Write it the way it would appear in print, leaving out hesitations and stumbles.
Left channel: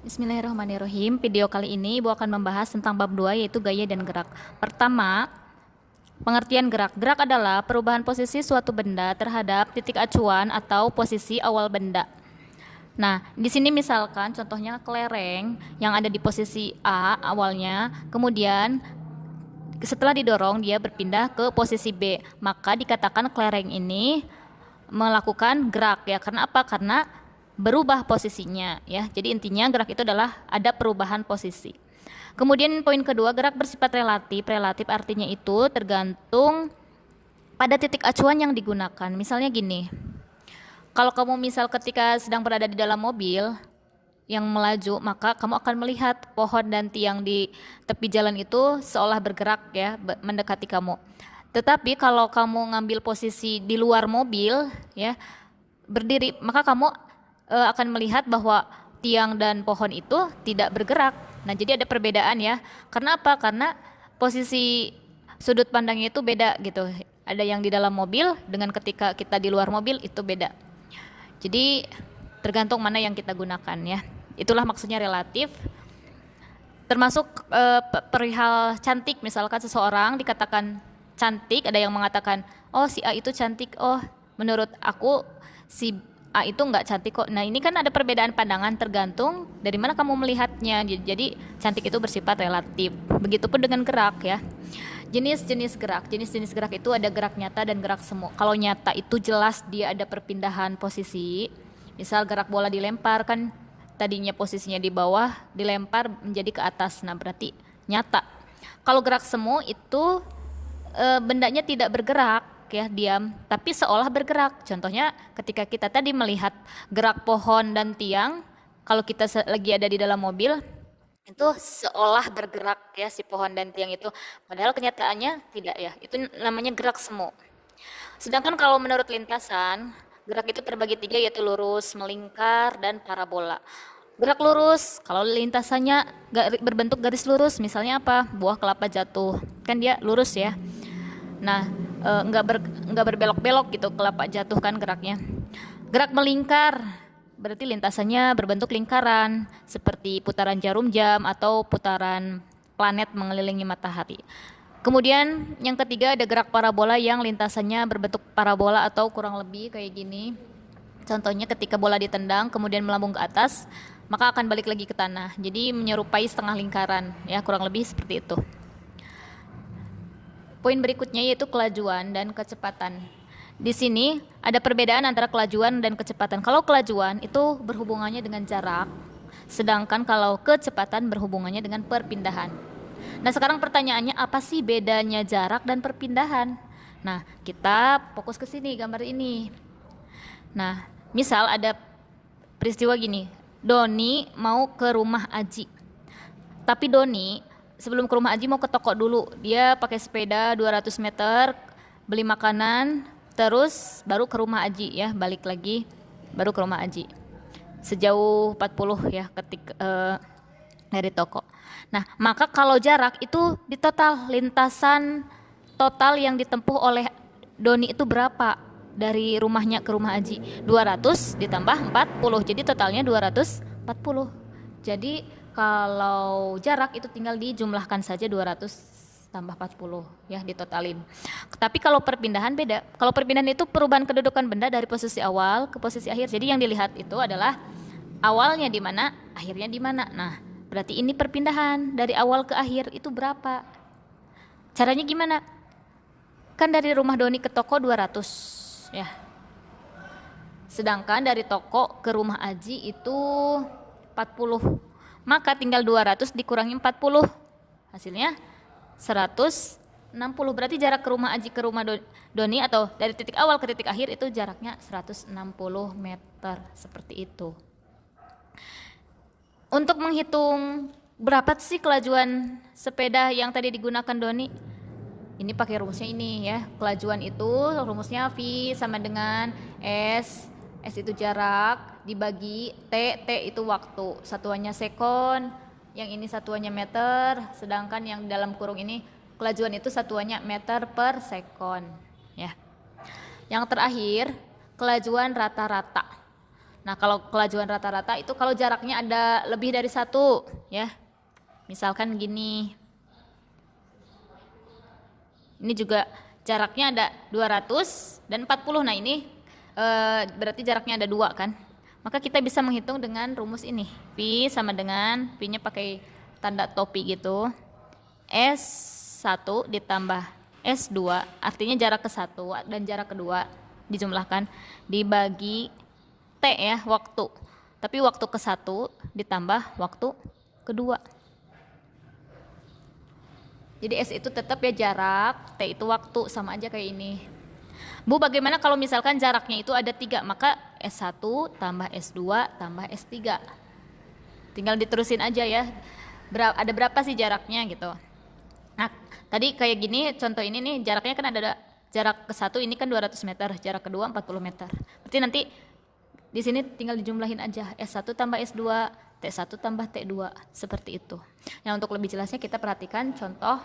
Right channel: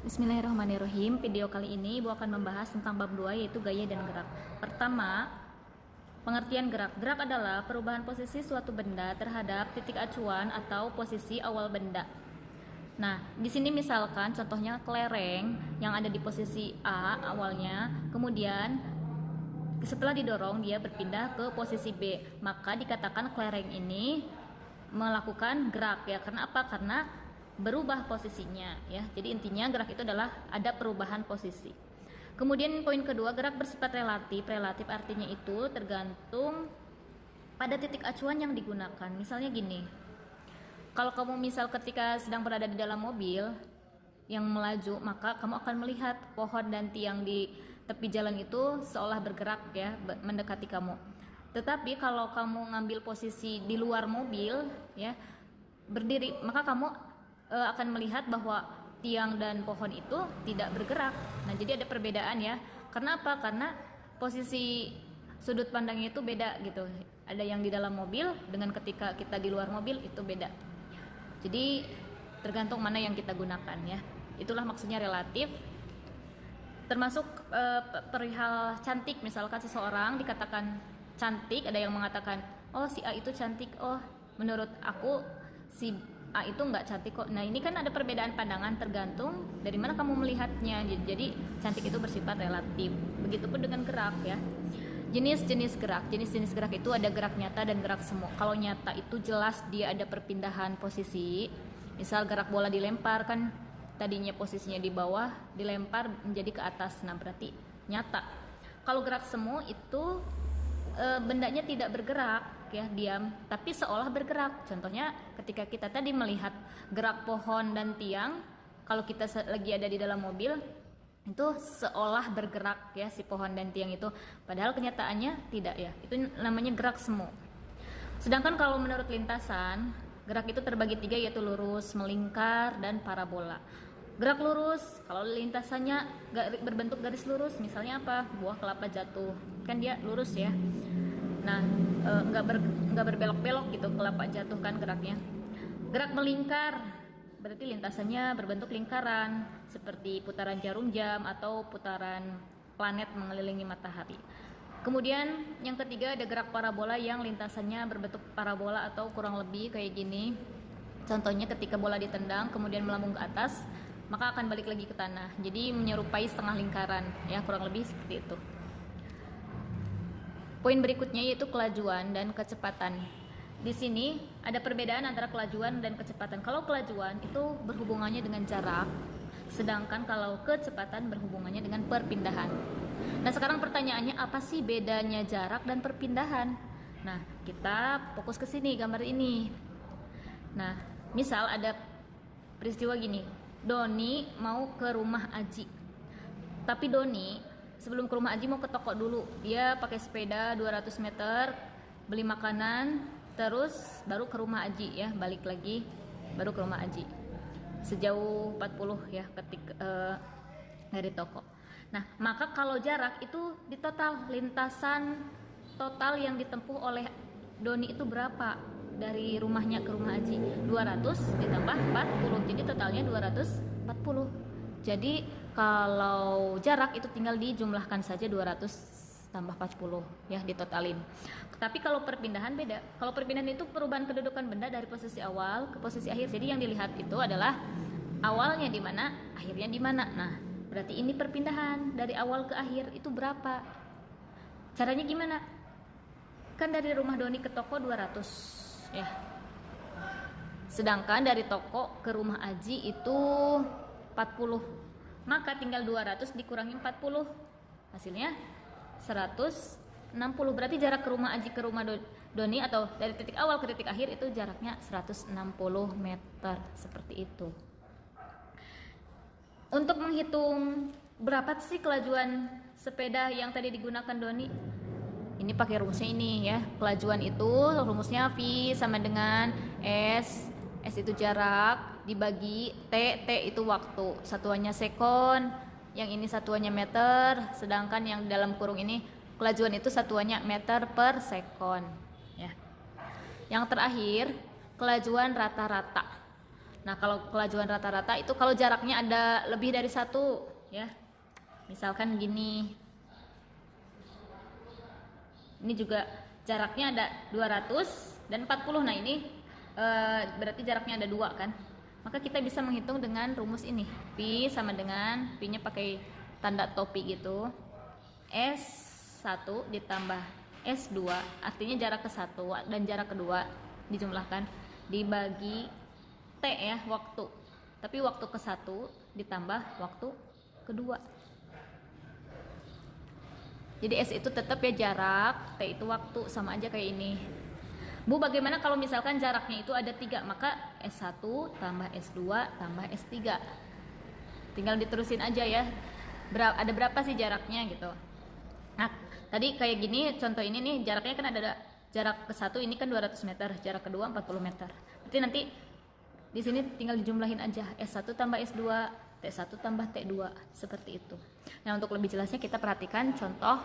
Bismillahirrahmanirrahim. Video kali ini Ibu akan membahas tentang bab 2 yaitu gaya dan gerak. Pertama, pengertian gerak. Gerak adalah perubahan posisi suatu benda terhadap titik acuan atau posisi awal benda. Nah, di sini misalkan contohnya kelereng yang ada di posisi A awalnya, kemudian setelah didorong dia berpindah ke posisi B, maka dikatakan kelereng ini melakukan gerak ya. Karena apa? Karena berubah posisinya ya. Jadi intinya gerak itu adalah ada perubahan posisi. Kemudian poin kedua, gerak bersifat relatif. Relatif artinya itu tergantung pada titik acuan yang digunakan. Misalnya gini, kalau kamu misal ketika sedang berada di dalam mobil yang melaju, maka kamu akan melihat pohon dan tiang di tepi jalan itu seolah bergerak ya, mendekati kamu. Tetapi kalau kamu ngambil posisi di luar mobil ya, berdiri, maka kamu akan melihat bahwa tiang dan pohon itu tidak bergerak. Nah, jadi ada perbedaan ya. Karena apa? Karena posisi sudut pandangnya itu beda gitu. Ada yang di dalam mobil dengan ketika kita di luar mobil itu beda. Jadi tergantung mana yang kita gunakan ya. Itulah maksudnya relatif. Termasuk perihal cantik, misalkan seseorang dikatakan cantik, ada yang mengatakan, oh si A itu cantik, oh menurut aku si A itu nggak cantik kok. Nah, ini kan ada perbedaan pandangan tergantung dari mana kamu melihatnya. Jadi cantik itu bersifat relatif. Begitupun dengan gerak ya. Jenis-jenis gerak. Jenis-jenis gerak itu ada gerak nyata dan gerak semu. Kalau nyata itu jelas dia ada perpindahan posisi. Misal gerak bola dilempar kan tadinya posisinya di bawah dilempar menjadi ke atas. Nah, berarti nyata. Kalau gerak semu itu bendanya tidak bergerak ya, diam, tapi seolah bergerak. Contohnya ketika kita tadi melihat gerak pohon dan tiang, kalau kita lagi ada di dalam mobil itu seolah bergerak ya si pohon dan tiang itu, padahal kenyataannya tidak ya. Itu namanya gerak semu. Sedangkan kalau menurut lintasan, gerak itu terbagi 3 yaitu lurus, melingkar, dan parabola. Gerak lurus, kalau lintasannya berbentuk garis lurus, misalnya apa? Buah kelapa jatuh, kan dia lurus ya. Nah, nggak berbelok-belok gitu, kelapa jatuh kan geraknya. Gerak melingkar, berarti lintasannya berbentuk lingkaran, seperti putaran jarum jam atau putaran planet mengelilingi matahari. Kemudian yang ketiga ada gerak parabola yang lintasannya berbentuk parabola atau kurang lebih kayak gini. Contohnya ketika bola ditendang kemudian melambung ke atas, maka akan balik lagi ke tanah. Jadi menyerupai setengah lingkaran, ya kurang lebih seperti itu. Poin berikutnya yaitu kelajuan dan kecepatan. Di sini ada perbedaan antara kelajuan dan kecepatan. Kalau kelajuan itu berhubungannya dengan jarak, sedangkan kalau kecepatan berhubungannya dengan perpindahan. Nah, sekarang pertanyaannya apa sih bedanya jarak dan perpindahan? Nah, kita fokus ke sini gambar ini. Nah, misal ada peristiwa gini, Doni mau ke rumah Aji. Tapi Doni sebelum ke rumah Aji mau ke toko dulu. Dia pakai sepeda 200 meter, beli makanan, terus baru ke rumah Aji ya, balik lagi baru ke rumah Aji. Sejauh 40 ya dari toko. Nah, maka kalau jarak itu di total lintasan total yang ditempuh oleh Doni itu berapa? Dari rumahnya ke rumah Aji 200 ditambah 40, jadi totalnya 240. Jadi kalau jarak itu tinggal dijumlahkan saja 200 tambah 40 ya, ditotalin. Tapi kalau perpindahan beda. Kalau perpindahan itu perubahan kedudukan benda dari posisi awal ke posisi akhir. Jadi yang dilihat itu adalah awalnya di mana, akhirnya di mana. Nah, berarti ini perpindahan dari awal ke akhir itu berapa? Caranya gimana? Kan dari rumah Doni ke toko 200 ya. Sedangkan dari toko ke rumah Aji itu 40. Maka tinggal 200 dikurangi 40. Hasilnya 160. Berarti jarak ke rumah Aji ke rumah Doni atau dari titik awal ke titik akhir itu jaraknya 160 meter. Seperti itu. Untuk menghitung berapa sih kelajuan sepeda yang tadi digunakan Doni? Ini pakai rumusnya ini ya. Kelajuan itu rumusnya V sama dengan S. S itu jarak dibagi T. T itu waktu. Satuannya sekon. Yang ini satuannya meter. Sedangkan yang dalam kurung ini kelajuan itu satuannya meter per sekon. Ya. Yang terakhir kelajuan rata-rata. Nah, kalau kelajuan rata-rata itu kalau jaraknya ada lebih dari 1 ya. Misalkan gini. Ini juga jaraknya ada 200 dan 40. Nah, ini berarti jaraknya ada 2 kan. Maka kita bisa menghitung dengan rumus ini. Pi sama dengan, Pi-nya pakai tanda topi gitu. S1 ditambah S2, artinya jarak ke 1 dan jarak kedua dijumlahkan dibagi T ya, waktu. Tapi waktu ke 1 ditambah waktu kedua. Jadi S itu tetap ya jarak, T itu waktu, sama aja kayak ini. Bu, bagaimana kalau misalkan jaraknya itu ada 3, maka S1 tambah S2 tambah S3. Tinggal diterusin aja ya. Ada berapa sih jaraknya gitu. Nah, tadi kayak gini, contoh ini nih, jaraknya kan ada jarak ke 1 ini kan 200 meter, jarak kedua 40 meter. Berarti nanti di sini tinggal dijumlahin aja, S1 tambah S2, T1 tambah T2, seperti itu. Nah, untuk lebih jelasnya kita perhatikan contoh